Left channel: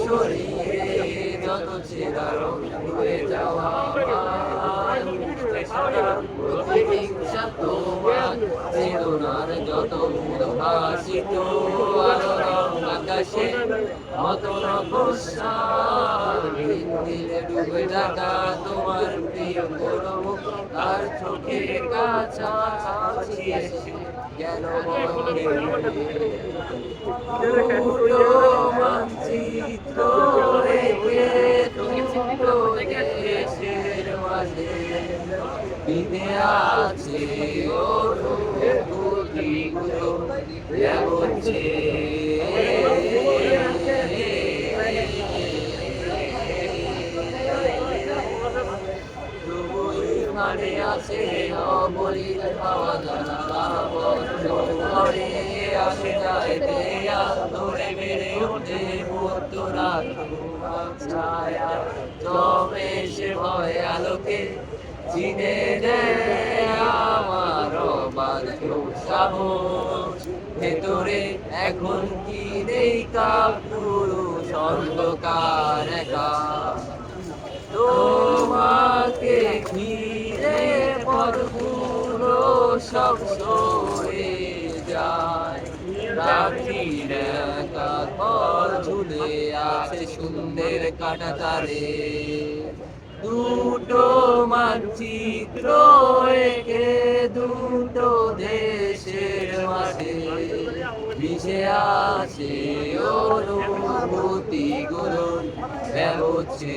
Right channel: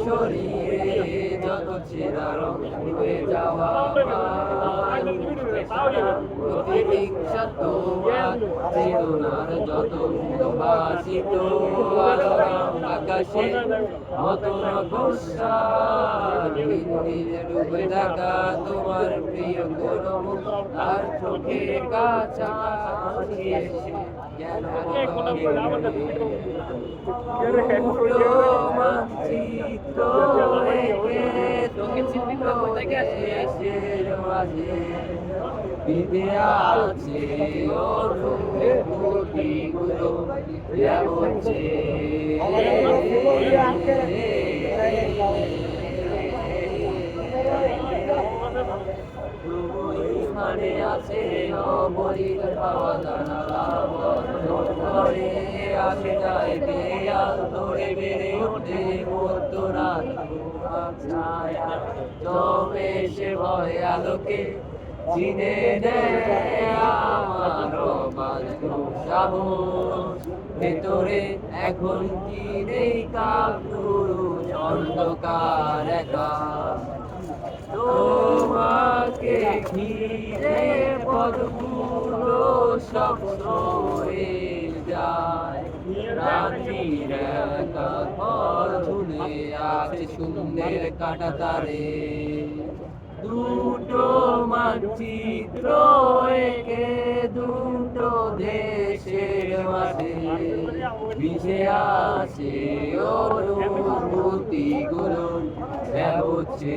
শরীরে যত চেরা রং হয়ে যাওয়া প্রতিহিংসা তোমার চেতনার যত উদ্ভাসিত আলো রং আকাশে মতো নকশা দিলে ডুবে থাকা তোমার প্রিয় কোনো মুখ আর চোখের কাছাকাছি এসে কেন দুটো মানচিত্র রেখে দুটো দেশের মাঝে বিধে আছে অনুভূতিগুলো হচ্ছে মানে আছে নবলীর পাওয়া জানালা বন্ধ ঘরে আসে যায় দেয়াল ধরে বেড়ে ওঠে মধ্যরা ছায়া জমে সে ভয় আলোকে চিনে নেয় আমার বাধ্য সাহস ভেতরে এখন কি নেই কাপুরুষ অন্ধকার একা তোমাকে ঘিরে পথগুলো সব সরে যায় রাত্রির একা ঘর ঝুলে আছে সুন্দর কাটা তারে দুটো মানচিত্র একে দুটো দেশের মাঝে মিশে আছে অনুভূতিগুলো হচ্ছে